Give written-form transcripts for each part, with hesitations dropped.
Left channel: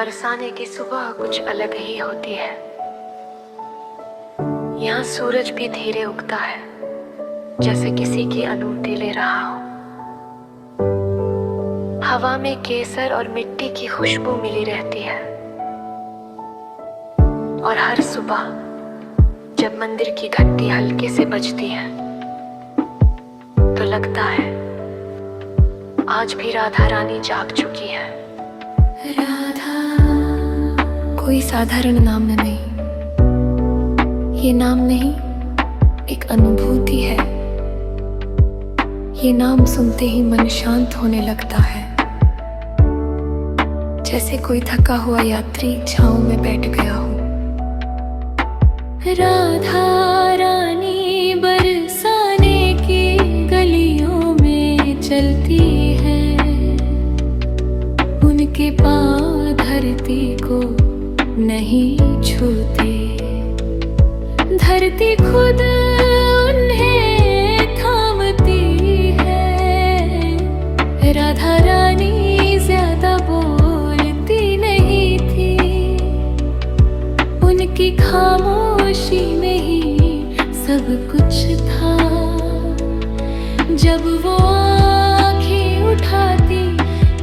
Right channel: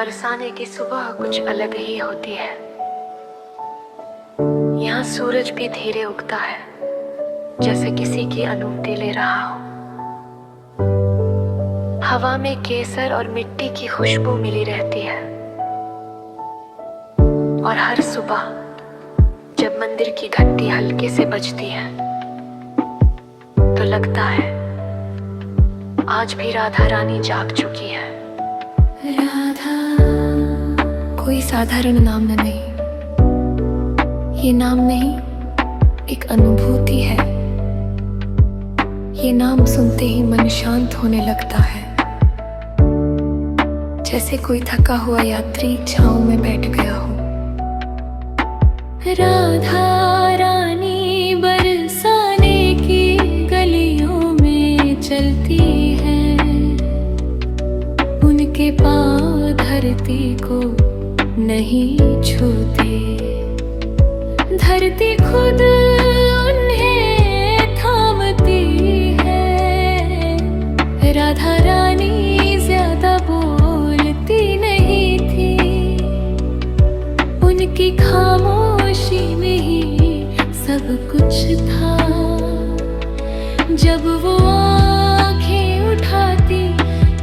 बरसाने की सुबह कुछ अलग ही होती है। यहाँ सूरज भी धीरे उगता है, जैसे किसी की अनुमति ले रहा हो। हवा में केसर और मिट्टी की खुशबू मिली रहती है। और हर सुबह जब मंदिर की घंटी हल्के से बजती है तो लगता है आज भी राधा रानी जाग चुकी है। राधा कोई साधारण नाम नहीं, ये नाम नहीं, एक अनुभूति है। ये नाम सुनते ही मन शांत होने लगता है, जैसे कोई थका हुआ यात्री छांव में बैठ गया हो। राधा रानी बरसाने की गलियों में चलती है, उनके पाँव धरती को नहीं छूते, धरती खुद उन्हें थामती है। राधा रानी ज्यादा बोलती नहीं थी, उनकी खामोशी में ही सब कुछ था। जब वो आंखें उठाती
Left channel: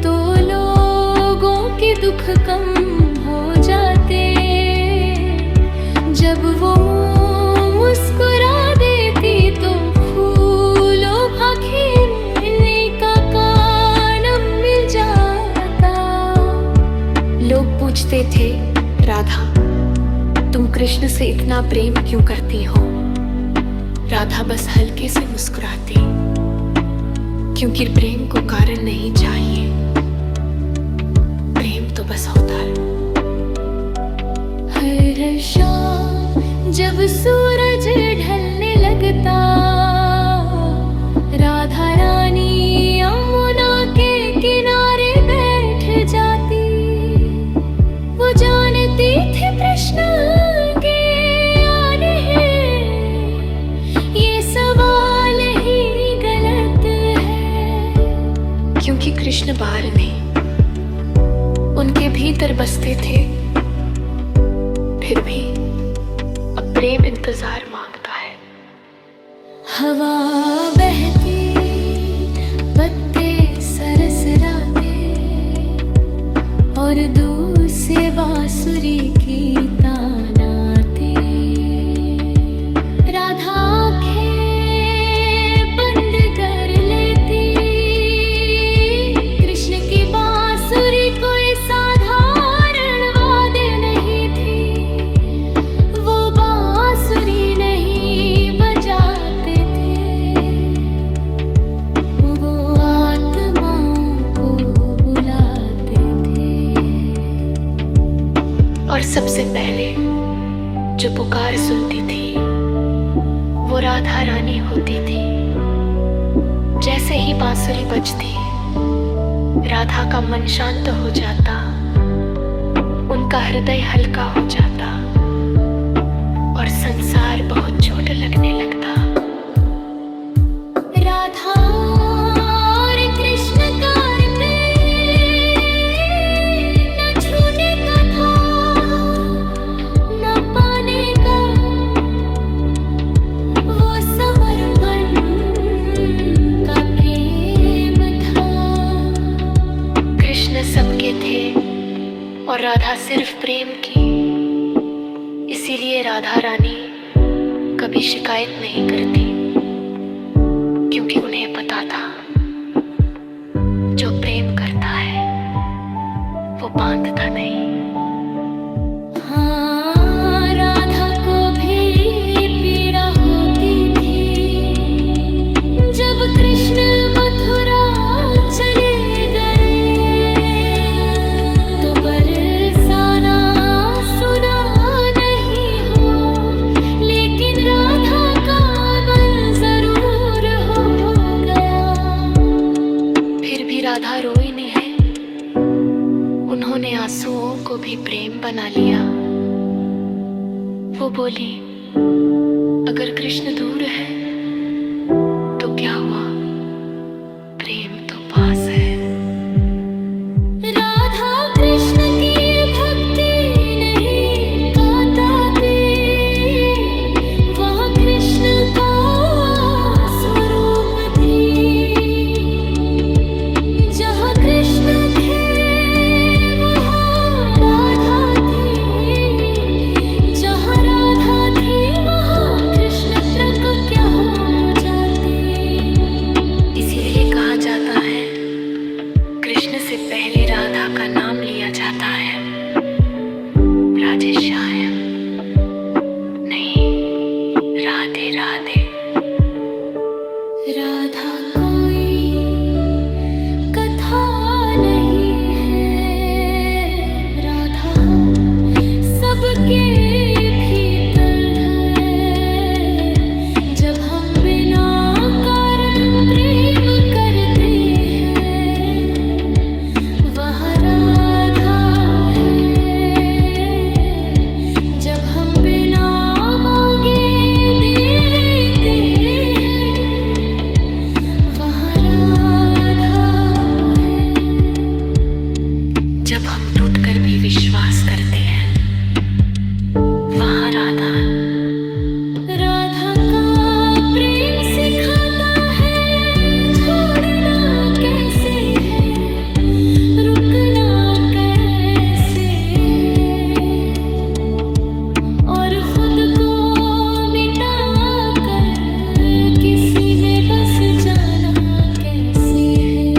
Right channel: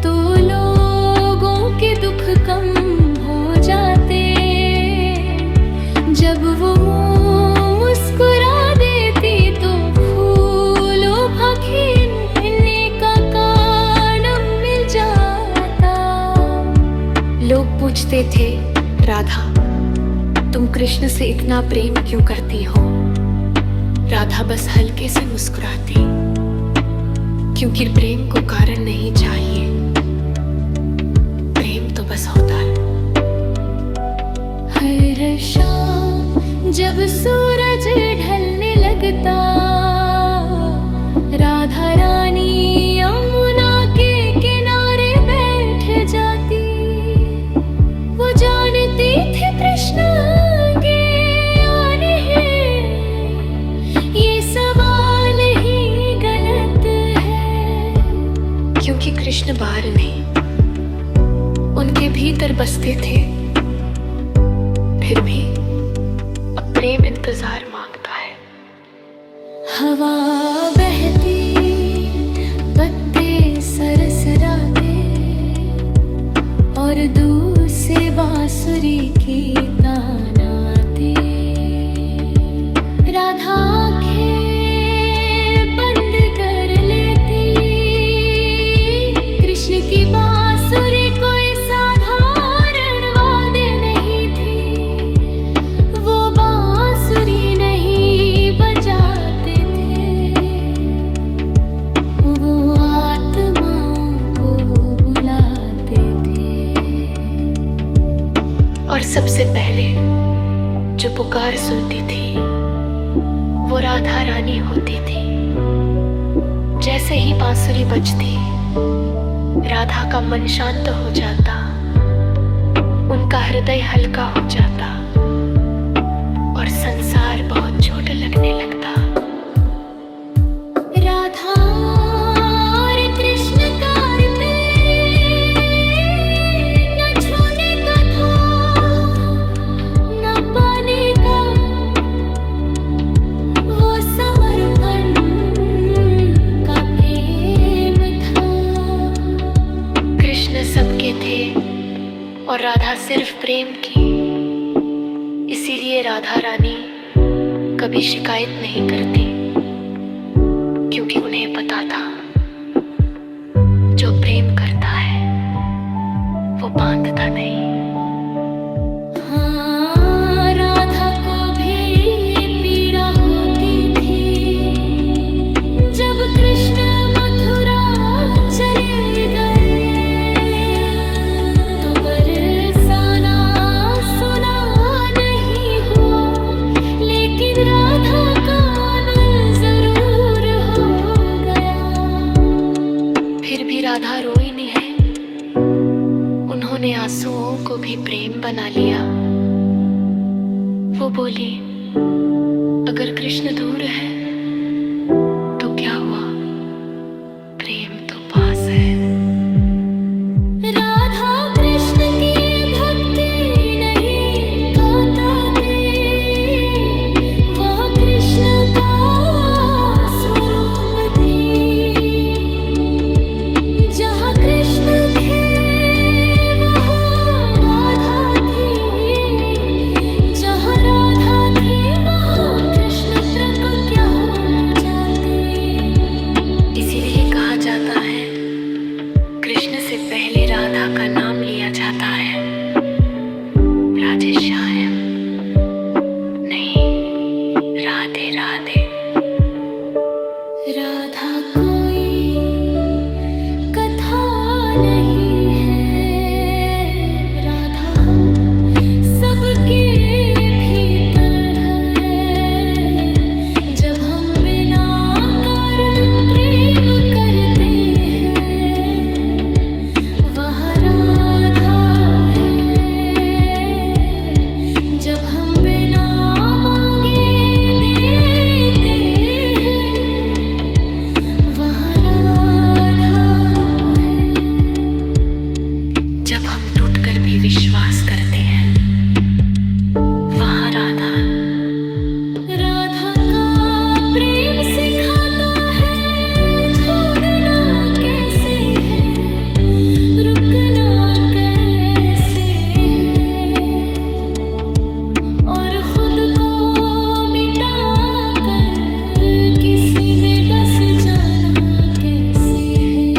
तो लोगों के दुख कम हो जाते, जब वो मुस्कुरा देती तो फूलों भा खिलने का कारण मिल जाता। लोग पूछते थे, राधा तुम कृष्ण से इतना प्रेम क्यों करती हो? राधा बस हल्के से मुस्कुराती, क्योंकि प्रेम को कारण नहीं चाहिए, प्रेम तो बस होता है। हर शाम जब सूरज ढलने लगता, राधा रानी यमुना के किनारे बैठ जाती। वो जानती थी कृष्ण के आने हैं, ये सवाल ही गलत है, क्योंकि कृष्ण बाहर नहीं, उनके भीतर बसते थे। फिर भी अब प्रेम इंतजार मांगता है। हवा बहती, पत्ते सरसराते, और दूर से बांसुरी की तान आती। राधा आँखें बंद कर लेती, कृष्ण की बांसुरी कोई साधारण वाद्य नहीं थी। वो बांसुरी नहीं बजाते थे, वो आत्माओं को बुलाते थे। और सबसे पहले जो पुकार सुनती थी वो राधा रानी होती थी। जैसे ही बांसुरी बजती, राधा का मन शांत हो जाता, उनका हृदय हल्का हो जाता और संसार बहुत छोटा लगने लगता। राधा और कृष्ण का प्रेम न छूने का था, न पाने का, वो समर्पण का प्रेम था। कृष्ण सबके थे और राधा सिर्फ प्रेम की, इसीलिए राधा रानी कभी शिकायत नहीं करती, क्योंकि उन्हें पता था जो प्रेम करता है वो बांधता नहीं। हाँ, राधा को भी पीड़ा होती थी जब कृष्ण मथुरा चले गए, तो बरसाना सुना नहीं हुआ, लेकिन राधा का मन जरूर हो गया। फिर भी राधा रोई नहीं है, उन्होंने आंसुओं को भी प्रेम बना लिया। वो बोली, अगर कृष्ण दूर है तो क्या हुआ, प्रेम तो पास है। राधा कृष्ण की जाता है, कृष्ण से पहले राधा का नाम लिया जाता है। राधेश्याम नहीं, राधे राधे। राधा कोई कथा नहीं है, राधा हम सबके भीतर है। जब हम बिना कारण प्रेम करते हैं, वह राधा है। जब हम बिना मांगे देते हैं, वह राधा है। जब हम टूटकर भी विश्वास करते हैं, वह राधा। राधा का प्रेम सिखाता है छोड़ना कैसे है, रुकना कैसे है, और खुद को मिटा कर किसी में बस जाना कैसे है।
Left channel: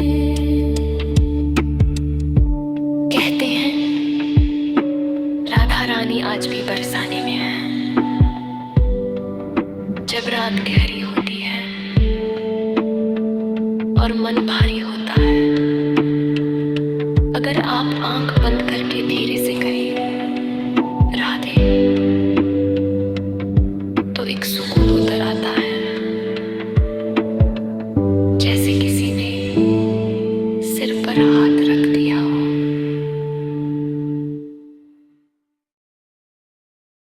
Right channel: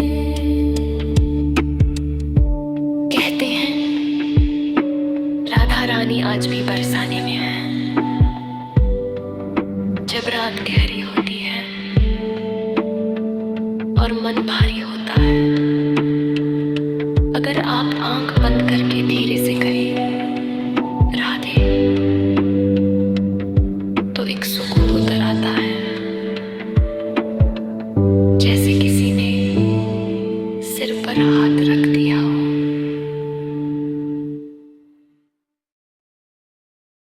कहते हैं राधा रानी आज भी बरसाने में है। जब रात गहरी होती है और मन भारी होता है, अगर आप आंख बंद करके धीरे से कहें राधे, तो एक सुकून उतर आता है, जैसे किसी ने सिर पर हाथ रख दिया हो।